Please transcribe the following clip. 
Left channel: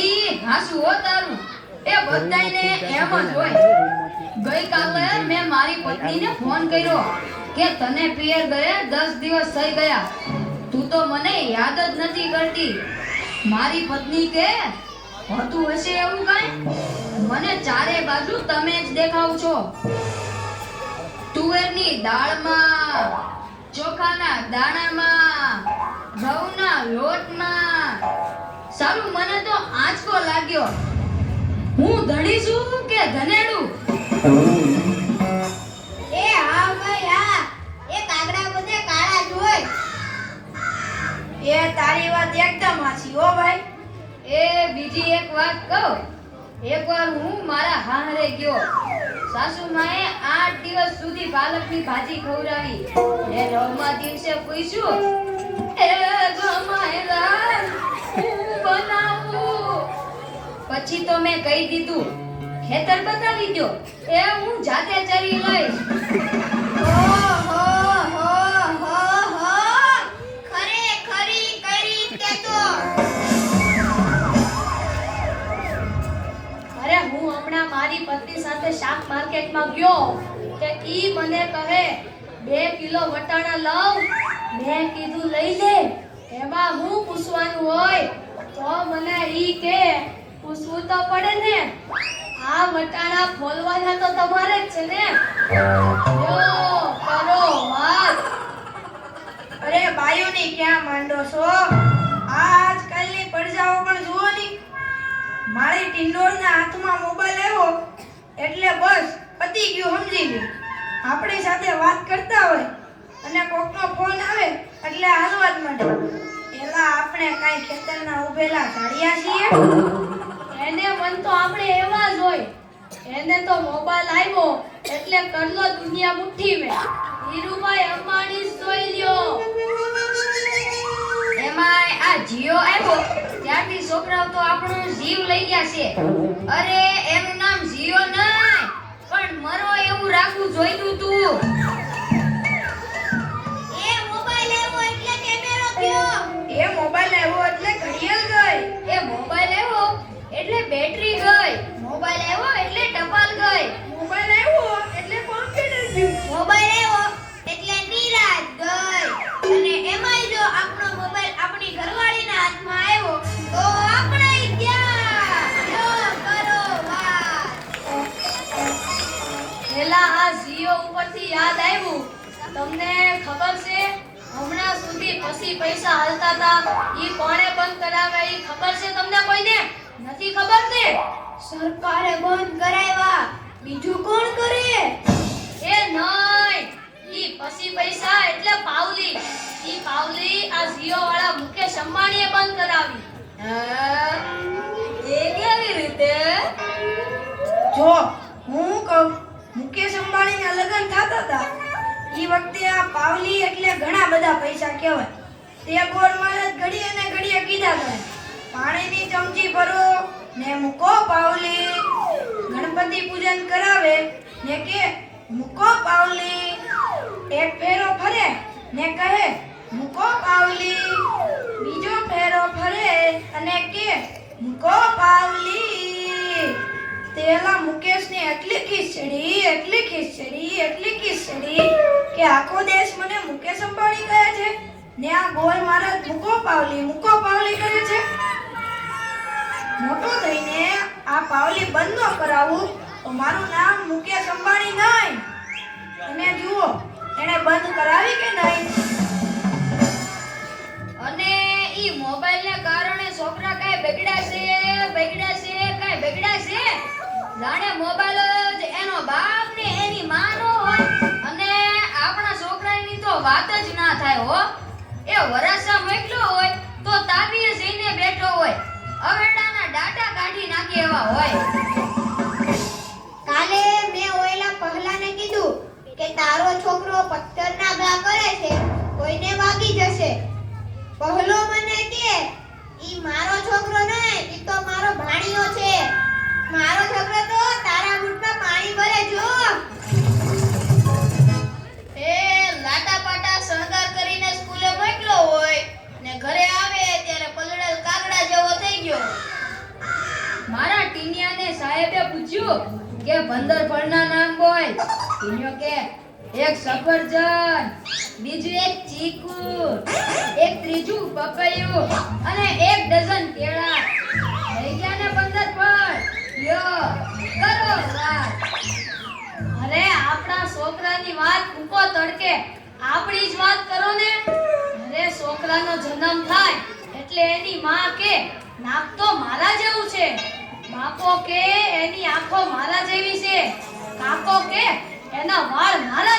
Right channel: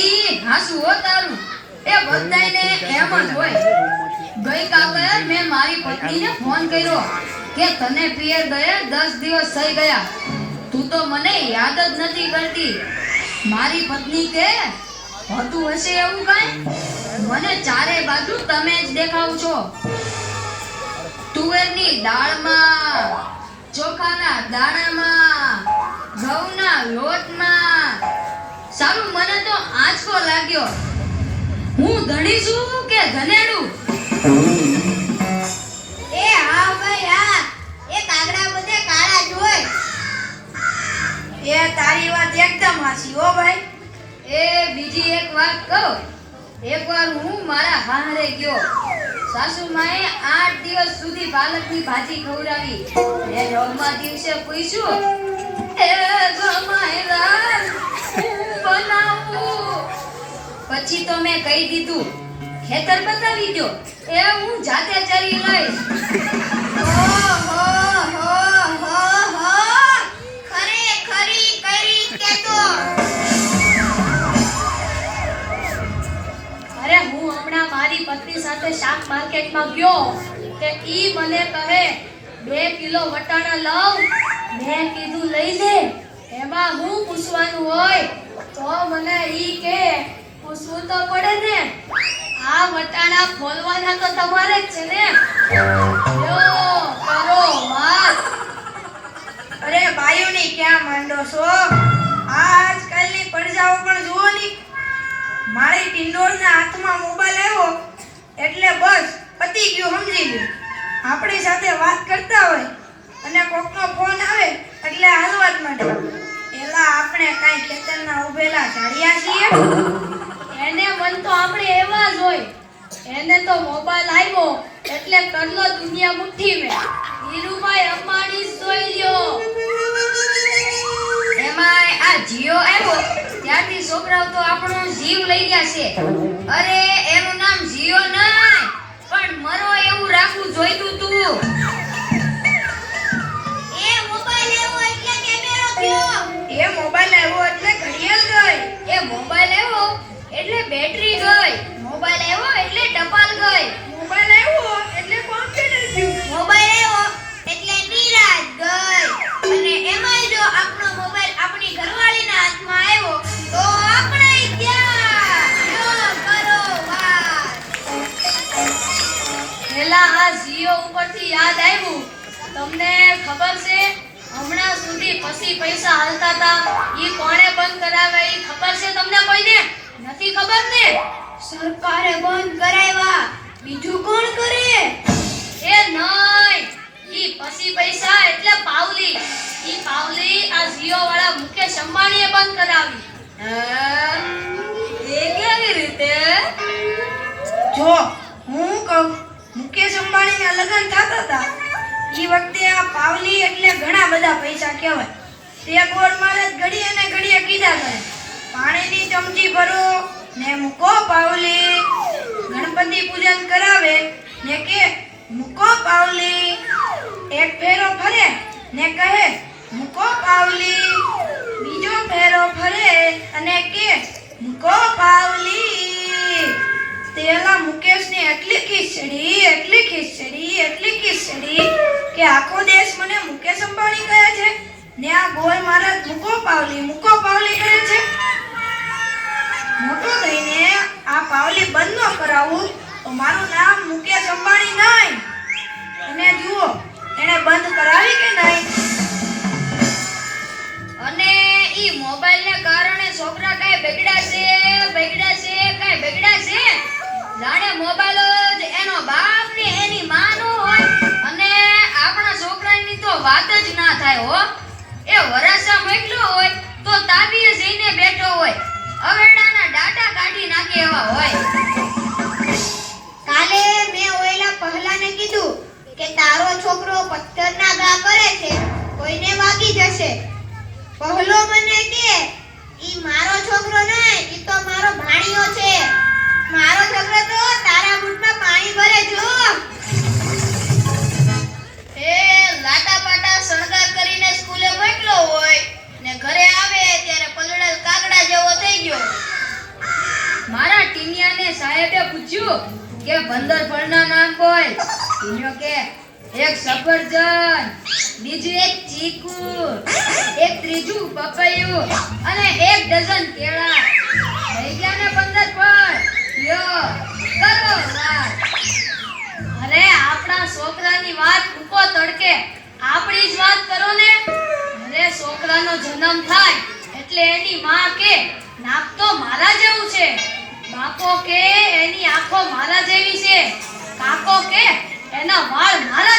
ઈ હાસુ હો તારું એ બધાયને એમ જ હોય. ગઈકાલે મેં મારી પત્નીને ફોન કર્યો કે તને પિયર ગયા 10 દિવસ થઈ ગયા, તું તો મને યાદ જ નથી કરતી. મારી પત્ની કે હોતું હશે એવું કાંઈ? મને ચારે બાજુ તમે જ દેખાવ છો. તુવેરની દાળમાં, ચોખાના દાણામાં, ઘઉંના લોટમાં. સારું, મને તો આંચકો લાગ્યો. હું ધણી છું કે ધનેડું? એ હા ભાઈ હા, એ કાગડા બધે કાળા જ હોય. એ તારી વાત એકદમ હાચી હો ભાઈ. એ બીજી એક વાત કહું. એકવાર હું મારા હાહરે ગયો. સાસુમાએ 8 દિવસ સુધી પાલકની ભાજી ખવડાવી. મેં 9મા દિવસે પૂછ્યું, એ જમાઈલા બનાવું? પછી તો મેં કહી દીધું, ખેતર બતાવી દો, એ હું જાતે ચરી લઈશ. શાક માર્કેટમાં ગયો કે ઈ મને કહે 2 કિલો વટાણા લાવ. મેં કીધું લઈ લે. એમાં હું પૂછવાનું હોય? તો મને ઈ કે પૂછવું તો પડે ને. આ વટાણા ખોલવાના તો તમારે જ છે ને. યો કરો વાત. અરે બાયુની ક્યાં માંડો છો? આજકાલની પડજાઓ પણ જુઓ ની. મારી ટિંડોળના હાથમાં મોબાઈલ આવ્યો એટલે બસ પતી ગયું, સમજી લ્યો. આપણી સાથે વાત કરતા હોય અને કોકનો ફોન આવે એટલે હાલવા જ માંડે. એલા આપણે કાઈ ખેતરના ઉભેલા ઝાડિયા છીએ? એને મન તો આપણે એવા જ હોય. એને તો મોબાઈલ આવ્યો એટલે કરલો દુનિયા મુઠ્ઠીમાં. ધીરુભાઈ અંબાણી જોઈ લ્યો. એમાંય આ જીઓ આવ્યો ત્યારથી છોકરાઓ તો આપણો જીવ લઈ ગયા છે. અરે એનું નામ જીઓ નહીં, પણ મરો એવું રાખવું જોઈતું તું. એ મોબાઈલ આવ્યો એટલે કેમેરો થયો. એ મોબાઈલ આવ્યો એટલે ઘડિયાળ ગઈ. એ મોબાઈલ આવ્યો એટલે બેટરી ગઈ. મોબાઈલ આવ્યો એટલે ટપાલ ગઈ. મોબાઈલ આવ્યો એટલે કોમ્પ્યુટર ગયું. મોબાઈલ આવ્યો એટલે નિરાજ ગઈ. અને એમાંય જો આપણો મોબાઈલ આપણી ઘરવાળીના હાથમાં આવ્યો તો આપણે ક્યાં? યો કરો વાત. પેલા આ જીઓ ઉપરથી યાદ આવ્યું. તમને ખબર છે હમણાં સુધી પછી પૈસા હાલતા હતા ઈ કોણે બંધ કરાવે ઈ ખબર છે તમને કોઈને? નથી ખબર ને? સરકારે બંધ કરાવ્યા. બીજું કોણ કરે? એ નહીં, ઈ પછી પૈસા એટલે પાવલી. ઈ પાવલી આ જીઓ વાળા મુકેશ અંબાણીએ બંધ કરાવી. એ કેવી રીતે? જો હું કહું, મુકેશ અંબાણીના લગ્ન થતા હતા ઈ વખતે આ પાવલી એટલે ઘણા બધા પૈસા કહેવાય. તે ગોળમાળે ઘડીએ ને ઘડીએ કીધા કરે, પાણીની ચમચી ભરો ને મૂકો પાવલી. ગણપતિ પૂજન કરાવે ને કે મૂકો પાવલી. એક ફેરો ફરે ને કહે મૂકો પાવલી. બીજો ફેરો ફરે અને કે મૂકો પાવલી. તેલા મુકેશની એટલી ખીચડી કે આખો દેશ મને મુકેશ અંબાણી કહે છે ને આ ગોળ મહારાજ મૂકો પાવલી કહે છે. મોટો થઈને આ પાવલી બંધ ન કરાવું તો મારું નામ મુકેશ અંબાણી નહીં. અને જુઓ એને બંધ કરાવી કે નહીં. અને ઈ મોબાઈલને કારણે છોકરા કઈ બગડ્યા છે જાણે મોબાઈલ જ એનો બાપ ને એની માં નો હોય. અને આપણા છોકરાની તો વાત જ ના થાય હો. એ વરાસા મોકલ્યો હોય તો તાબીએ જઈને બેઠો હોય, અવેડાના ડાટા કાઢી નાખે એવા હોય. કાલે મેં ઓયલા પહેલાને કીધું કે તારો છોકરો પથ્થરના ઘા કરે છે, કોઈને વાગી જશે. પહેલો મને કે ઈ મારો છોકરો નહીં, ઈ તો મારો ભાણિયો છે. મારો છોકરો તો તારા બૂટમાં પાણી ભરે જો. એ લાટા પાટા શણગાર કરીને સ્કૂલે મોકલો હોય ને ઘરે આવે ત્યારે પલળેલ પુણ્યો કે એક સફરજન, બીજું એક ચીકુ, એક ત્રીજું પપૈયું અને 1 ડઝન કેળા. થઈ ગયા ને 15 ફળ. લ્યો કરો વાત. અરે આપણા છોકરાની વાત ઉકો તડકે આપણી જ વાત કરો ને. અરે છોકરાનો જન્મ થાય એટલે એની માં કે નાક તો મારા જેવું છે, બાપો કે એની આંખો મારા જેવી છે, કાકો કે એના વાળ મારા